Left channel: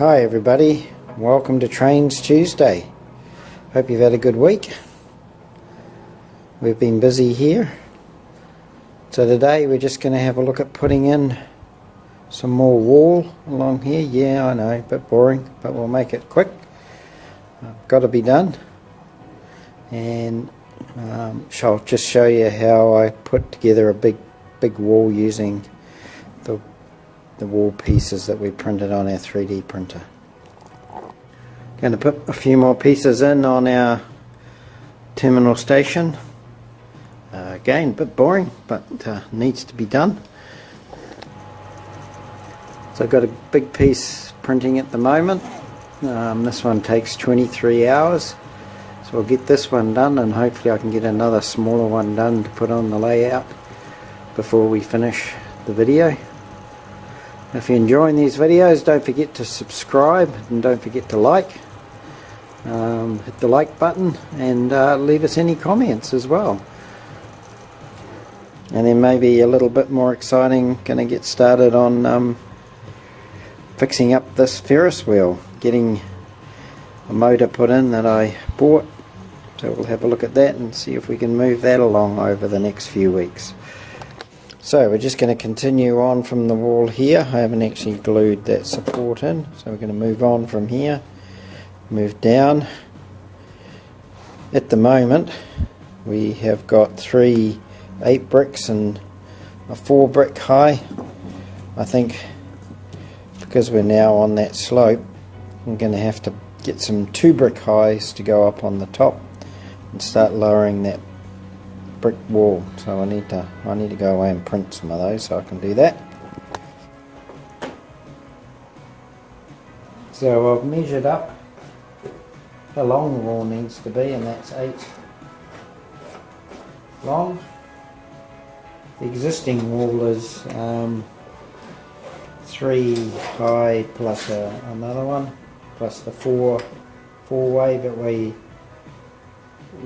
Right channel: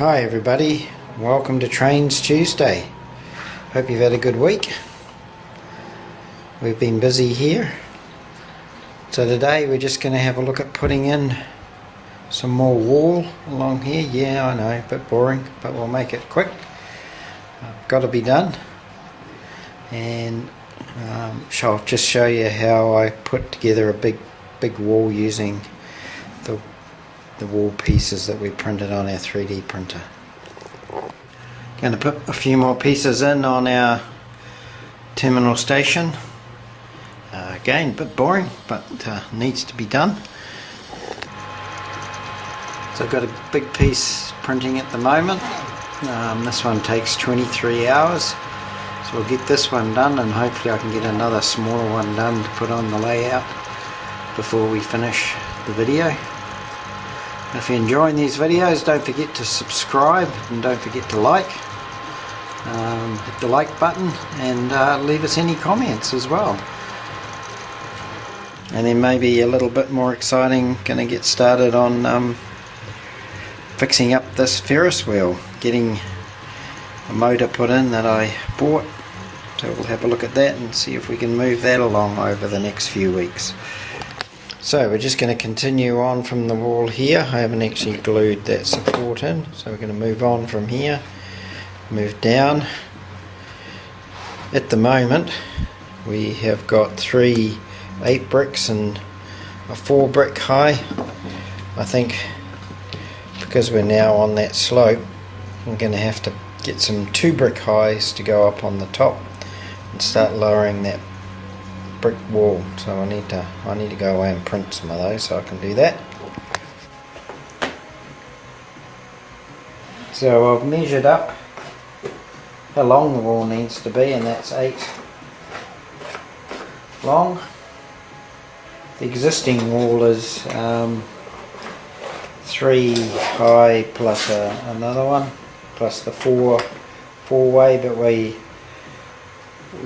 Hi everybody, welcome to Trains Tuesday. Hope you've had a good week. We've been busy here. So today we're just going to have a look at putting in some more wall along here. Yeah, I know, a bit boring, but we'll make it quick. Got to be done. And I'll just show you how I put together a big wall using the wall pieces that we printed on our 3D printer. Going to put a few more pieces in on our terminal station. Again, a bit boring, but needs to be done. So I've got a big piece printing at the moment. This one takes 23 hours. So I'll get this one done and hopefully I can get another smaller one done to put on the layout before we finish the video. If you're enjoying these videos, don't forget to subscribe and don't forget to like. Hit the like button and leave us any comments as well. And then maybe a little bit more exciting, going to get started on fixing up this Ferris wheel, getting a motor put in that I bought. So we'll have a look at that and see if we can move that along over the next few weeks. So we're just going to continue on from the wall here. I haven't actually glued that support in, so we're going to move on from here, move down. At the moment we have got 3 8 bricks and a 4 brick high. I think because we're now on that slope, we're going to have to get some 2 brick highs to go up on the top and start lowering that brick wall. So I need to go away and print some of those so I can do that. So I've measured up how long the wall needs to be, and that's 8 long. The existing wall is 3 high plus another one, plus the 4 way, but we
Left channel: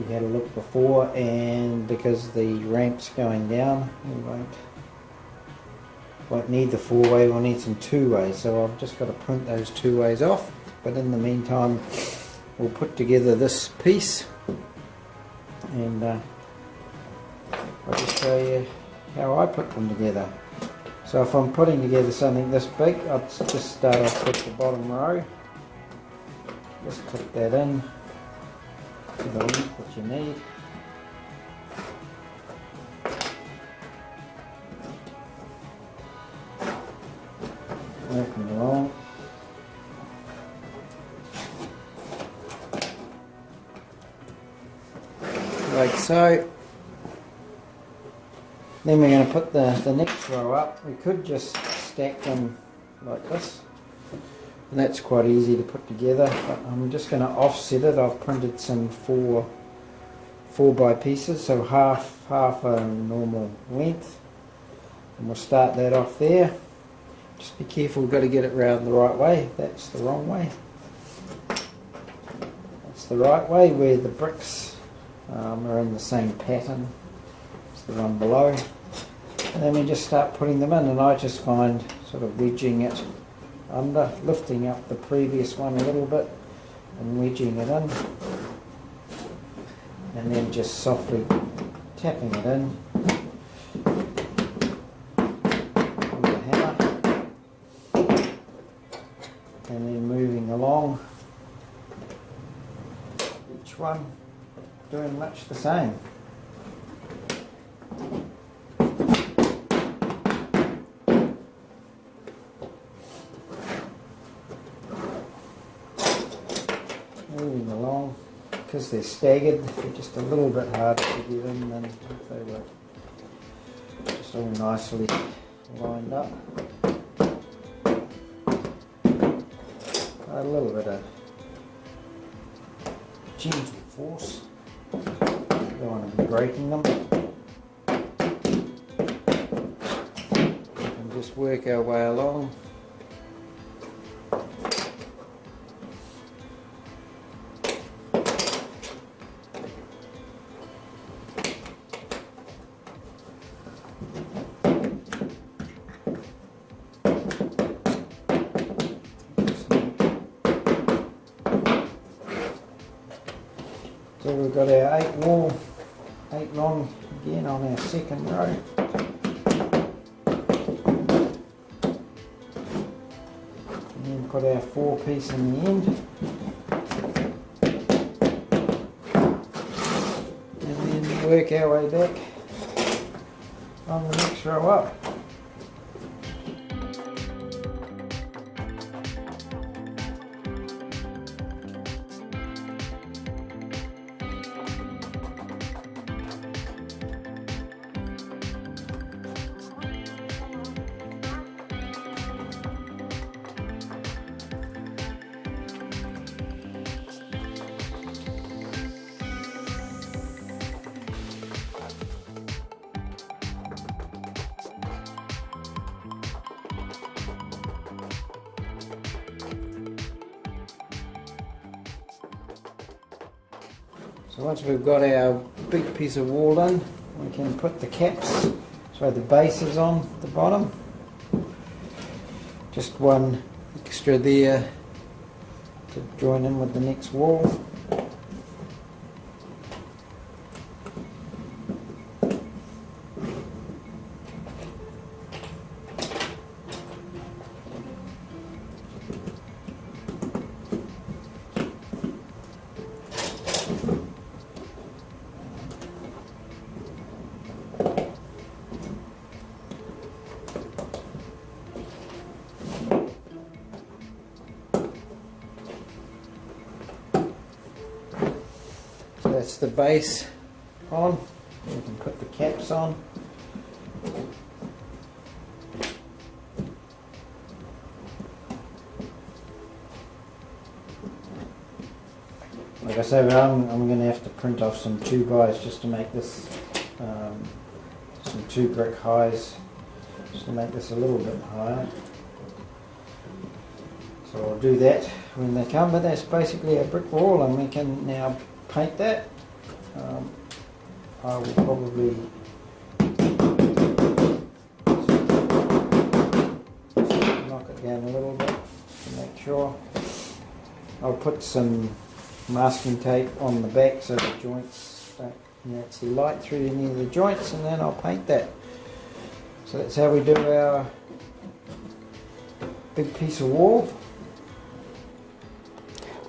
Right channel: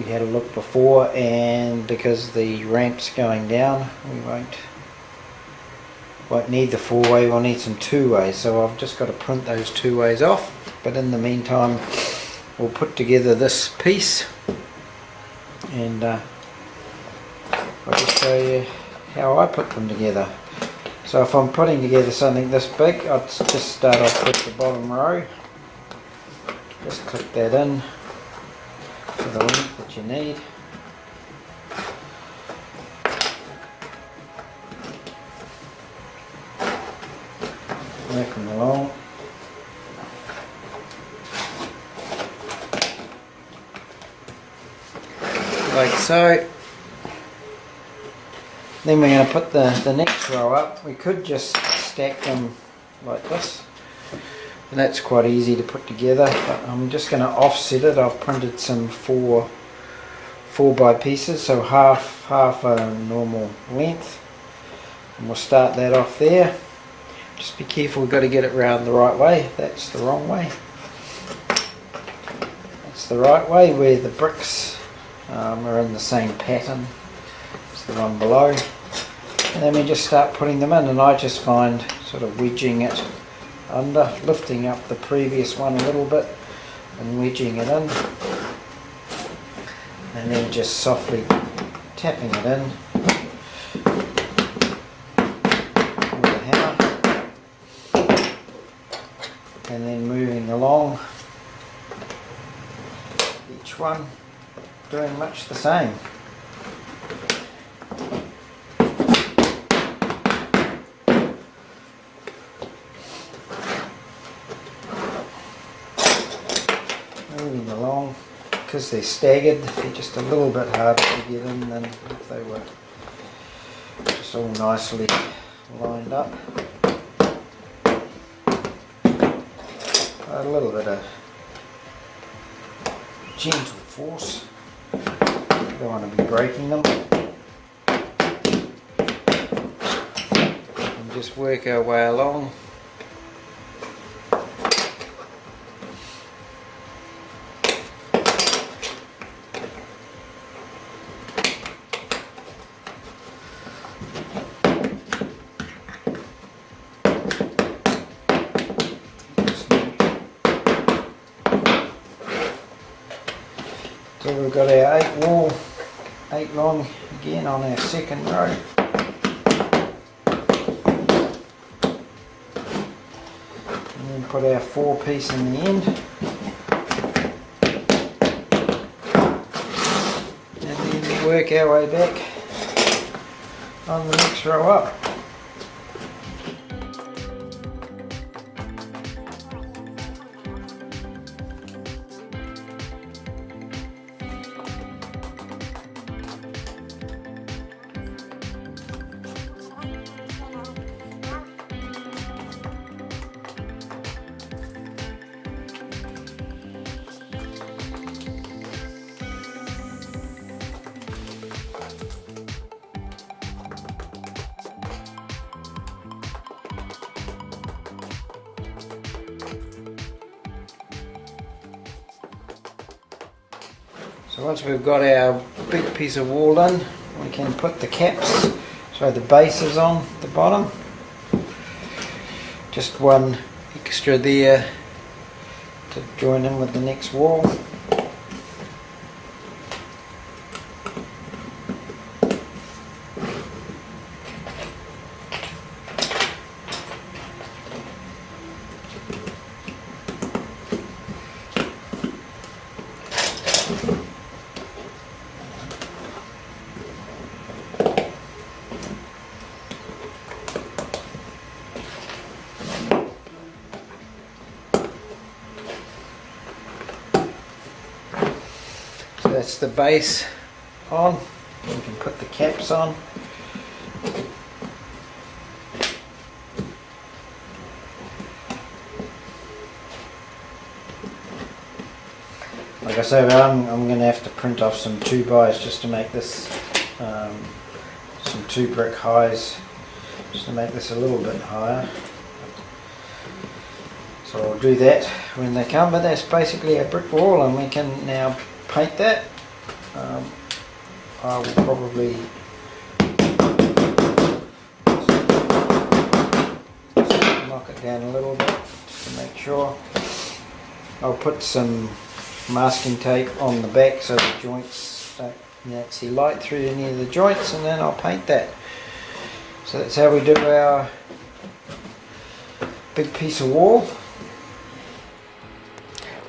had a look before, and because the ramp's going down, we won't need the 4 way, we'll need some 2 ways. So I've just got to print those 2 ways off, but in the meantime we'll put together this piece, and I'll just show you how I put them together. So if I'm putting together something this big, I'd just start off with the bottom row, just click that in to the length that you need. Working along. Like so. Then we're going to put the next row up. We could just stack them like this, and that's quite easy to put together, but I'm just going to offset it. I've printed some 4 by pieces, so half a normal length, and we'll start that off there. Just be careful, we've got to get it round the right way. That's the wrong way. That's the right way, where the bricks are in the same pattern as the one below. And then we just start putting them in, and I just find sort of wedging it under, lifting up the previous one a little bit and wedging it in, and then just softly tapping it in with a hammer, and then moving along each one, doing much the same. Moving along, because they're staggered, they're just a little bit harder to get in than if they were just all nicely lined up. A little bit of gentle force, you don't want to be breaking them, and just work our way along. got our 8 long again on our second row. And then put our 4 piece in the end. And then work our way back on the next row up. So once we've got our big piece of wall done, we can put the caps, so the bases on the bottom. Just one extra there to join in with the next wall. That's the base on. We can put the caps on. Like I said, I'm going to have to print off some 2x just to make this some 2 brick highs, just to make this a little bit higher. So I'll do that when they come, but that's basically a brick wall, and we can now paint that. I will probably knock it down a little bit just to make sure. I'll put some masking tape on the back so the joints don't see light through any of the joints, and then I'll paint that. So that's how we do our big piece of wall.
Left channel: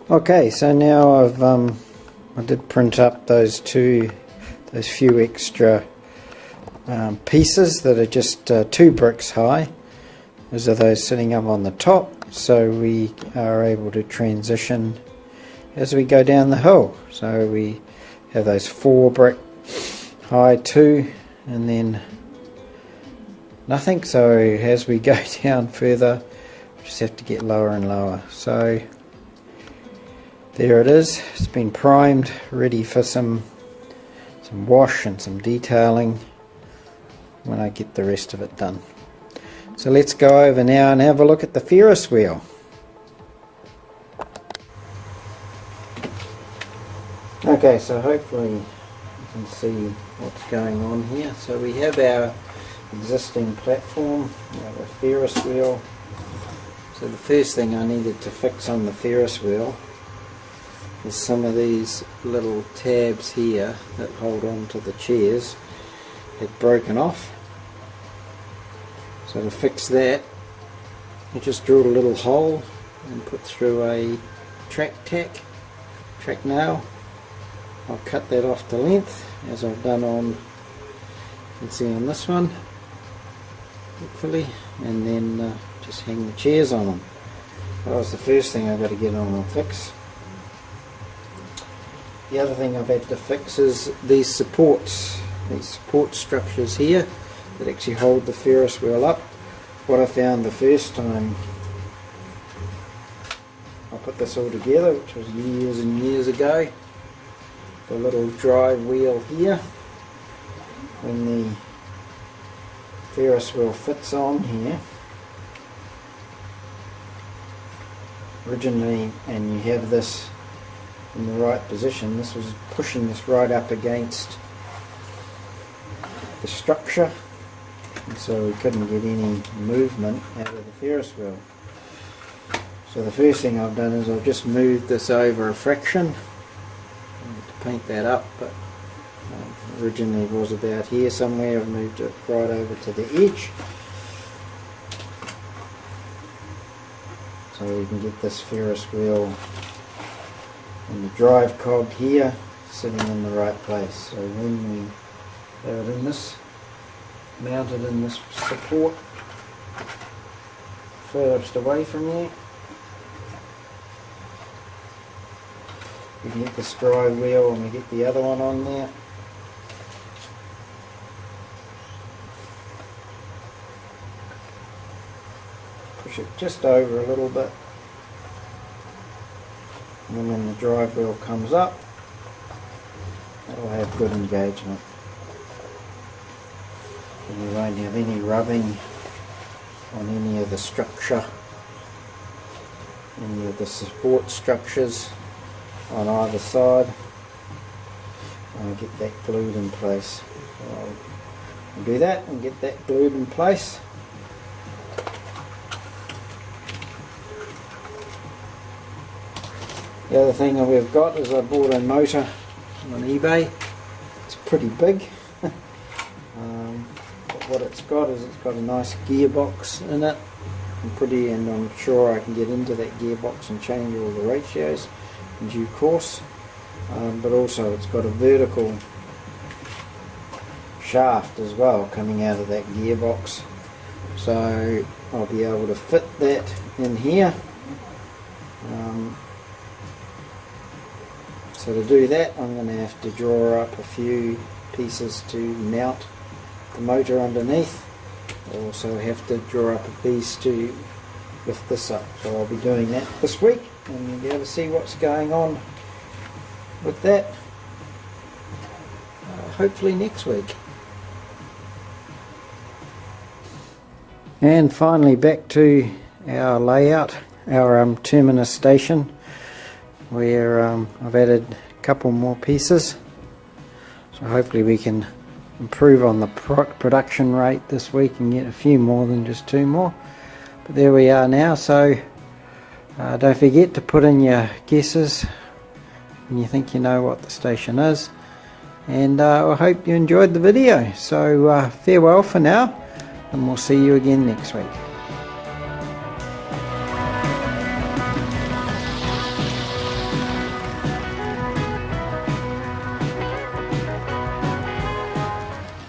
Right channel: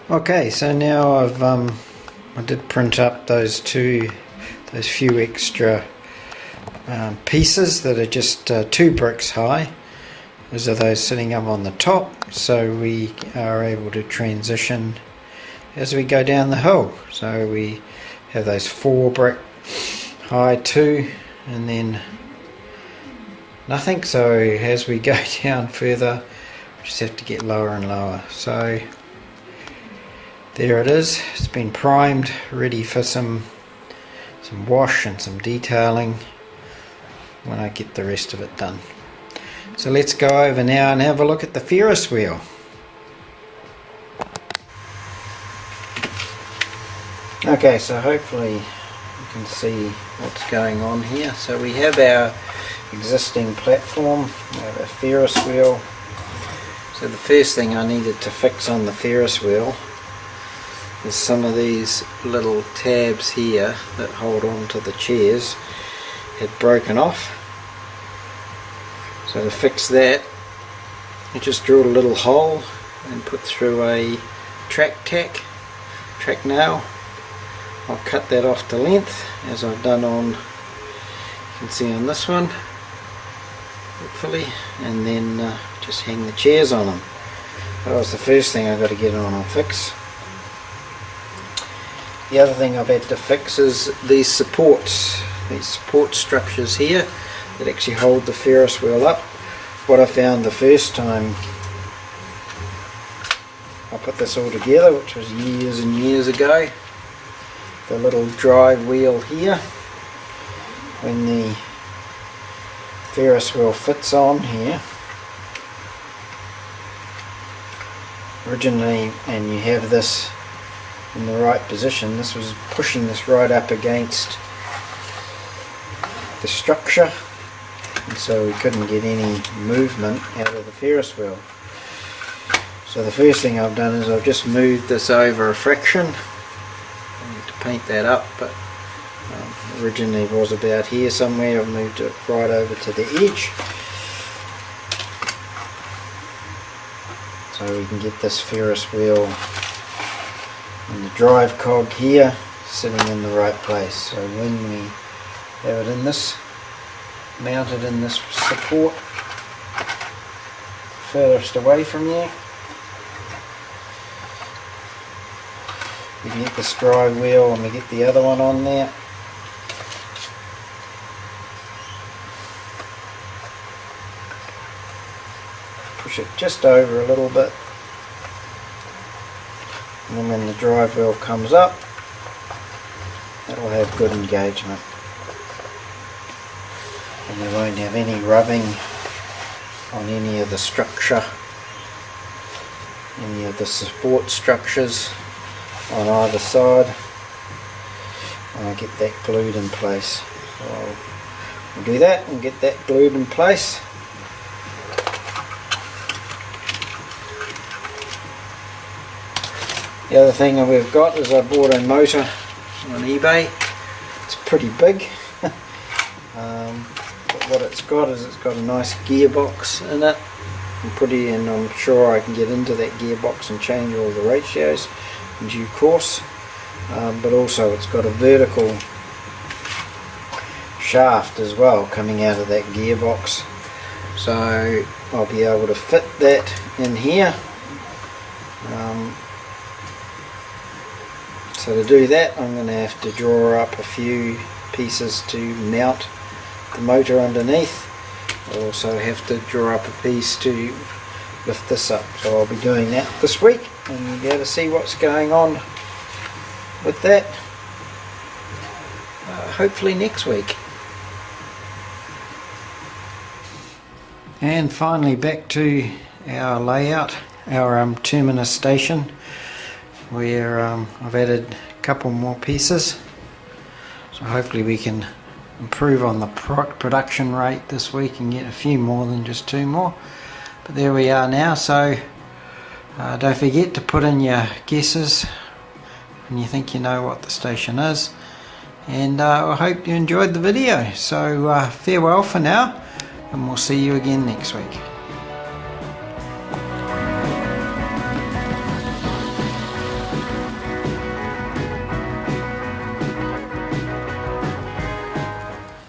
Okay, so now I did print up those few extra pieces that are just 2 bricks high. Those are those sitting up on the top, so we are able to transition as we go down the hill. So we have those 4 brick high 2, and then nothing. So as we go down further, we just have to get lower and lower. So there it is. It's been primed, ready for some wash and some detailing when I get the rest of it done. So let's go over now and have a look at the Ferris wheel. Okay, so hopefully you can see what's going on here. So we have our existing platform, we have a Ferris wheel. So the first thing I needed to fix on the Ferris wheel is some of these little tabs here that hold on to the chairs had broken off. So to fix that, I just drilled a little hole and put through a track nail. I'll cut that off to length as I've done on, you can see on this one, hopefully, and then just hang the chairs on them. That was the first thing I've got to get on and fix. The other thing I've had to fix is these support structures here that actually hold the Ferris wheel up. What I found the first time I put this all together, which was years and years ago, the little drive wheel here, when the Ferris wheel fits on here originally, and you have this in the right position, this was pushing this right up against the structure, and so we couldn't get any movement out of the Ferris wheel. So the first thing I've done is I've just moved this over a fraction. I need to paint that up, but originally was about here somewhere. I've moved it right over to the edge so we can get this Ferris wheel and the drive cog here sitting in the right place. So when we have it in this, mounted in this support furthest away from you, we can get this drive wheel and we get the other one on there. Push it just over a little bit, and then when the drive wheel comes up, that'll have good engagement and we won't have any rubbing on any of the structure, any of the support structures on either side. I'll get that glued in place. So we'll do that and get that glued in place. The other thing that we've got is I bought a motor on eBay. It's pretty big, but what it's got is it's got a nice gearbox in it. And I'm sure I can get into that gearbox and change all the ratios in due course. But also it's got a vertical shaft as well coming out of that gearbox. So I'll be able to fit that in here. So to do that, I'm going to have to draw up a few pieces to mount the motor underneath. I'll also have to draw up a piece to lift this up. So I'll be doing that this week, and you'll be able to see what's going on with that hopefully next week. And finally back to our layout, our terminus station, where I've added a couple more pieces, so hopefully we can improve on the production rate this week and get a few more than just 2 more. But there we are now. So don't forget to put in your guesses when you think you know what the station is, and I hope you enjoyed the video. So farewell for now, and we'll see you again next week.